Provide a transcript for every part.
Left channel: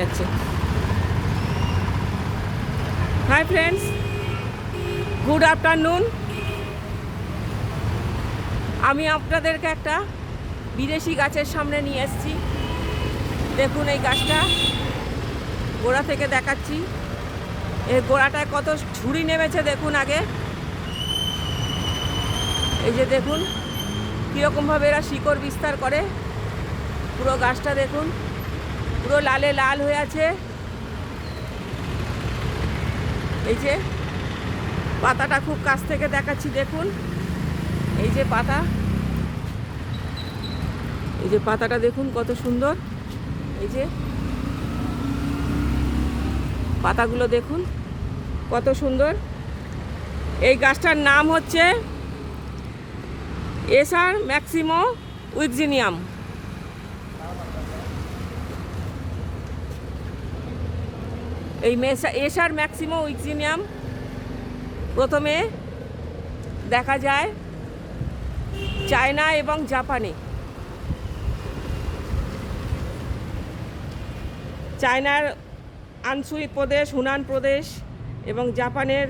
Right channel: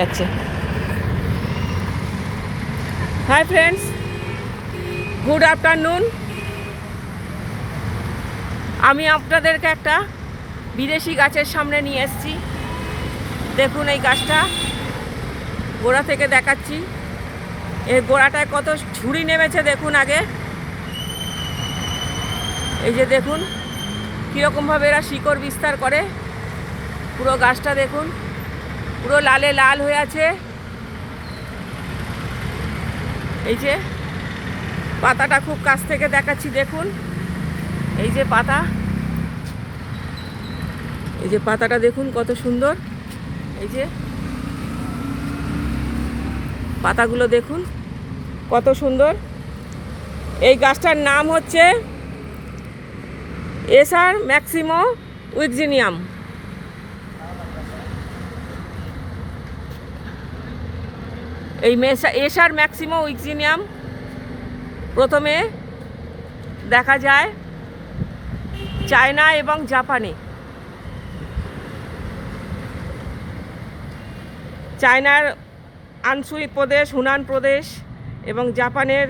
যাচ্ছে। Hi friends, good afternoon. আমি আপনাদেরকে একটা বিদেশি গাছের সামনে নিয়ে এসেছি। দেখুন এই গাছটা গোড়া থেকে দেখাচ্ছি। এর গোড়াটায় কত ঝুড়ি নেমেছে দেখুন। আগে এই যে দেখুন কীরকমভাবে এরা শিকড় বিস্তার করে। পুরো গাছটা দেখুন, পুরো লালে লাল হয়ে আছে। এই যে পাতাটা খুব কাছ থেকে দেখাচ্ছি, দেখুন এই যে পাতা, এই যে পাতাটা দেখুন কত সুন্দর। এই যে পাতাগুলো দেখুন কত সুন্দর। এই গাছটার নাম হচ্ছে এসার ম্যাক্সিমো উইকজিনিয়াম। এই এসার ম্যাক্সিমো উইকজিনিয়াম প্রথমে দেখা যায় চায়না এবং জাপানে। চায়নার আনসুই প্রদেশ, হুনান প্রদেশ এবং জাপানের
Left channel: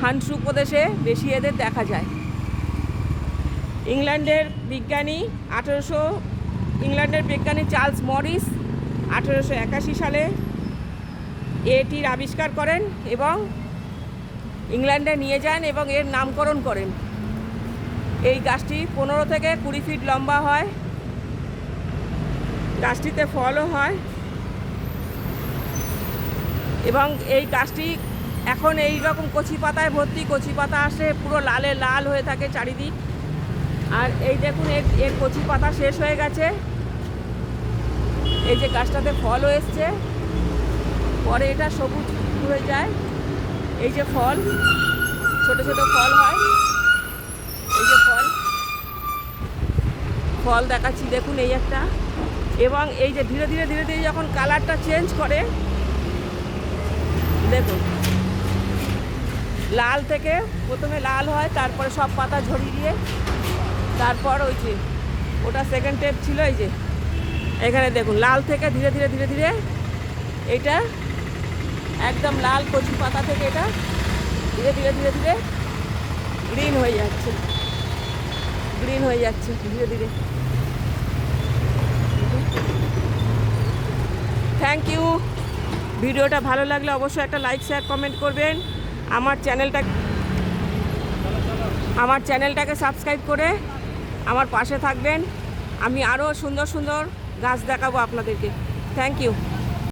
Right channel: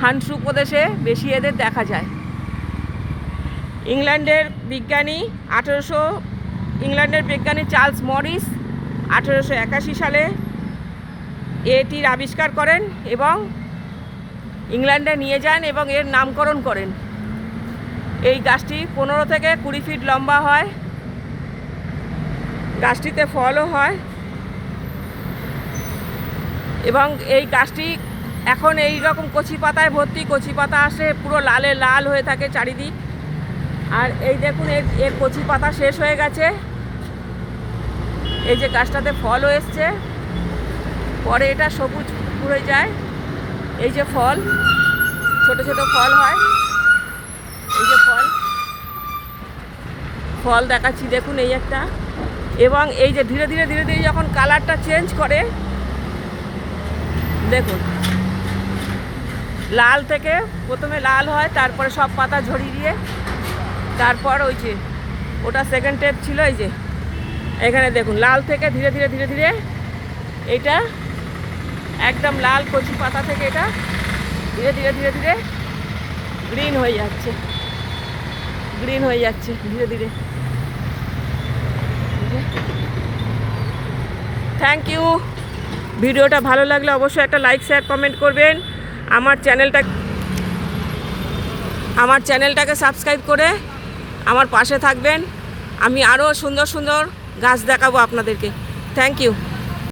হানসু প্রদেশে বেশি এদের দেখা যায়। ইংল্যান্ডের বিজ্ঞানী চার্লস মরিস 1881 সালে এটির আবিষ্কার করেন এবং ইংল্যান্ডে নিয়ে যান এবং এর নামকরণ করেন। এই গাছটি 15 থেকে 20 ফিট লম্বা হয়। গাছটিতে ফলও হয় এবং এই গাছটি এখন এই রকম কচি পাতায় ভর্তি। কচি পাতা আসে, পুরো লালে লাল হয়ে থাকে চারিদিক। আর এই দেখুন এর কচি পাতা শেষ হয়ে গেছে। এই যে গাছটাতে ফলও এসছে, পরে এটা সবুজ হয়ে যায়। এই যে ফল, ছোট ছোট ফল হয়। এই যে ফল দেখাচ্ছি দেখুন, এই একটা। এবং এই যে ধীরে ধীরে ধীরে ধীরে যখন কালারটা চেঞ্জ করে দেখুন, লাল থেকে প্রথমে লাল হয়, তারপরে সব পাতা ঝরিয়ে দিয়ে তারপর ওই যে ওটা সেকেন্ড স্টেপ ছিল। এই যে এখানে দেখুন লাল থেকে ধীরে ধীরে ধীরে ধীরে এটা একদম লাল কচি পাতা থেকে এটা ধীরে ধীরে ধীরে ধীরে গ্রিন হয়ে যাচ্ছে, ধীরে ধীরে। Thank you. ভিডিওটা ভালো লাগলে অবশ্যই একটা লাইক, শেয়ার, কমেন্ট করবেন। আমার চ্যানেলটাকে সাবস্ক্রাইব করে আমার পাশে থাকবেন। আমি আরও সুন্দর সুন্দর গাছ দেখাবো আপনাদেরকে। Thank you.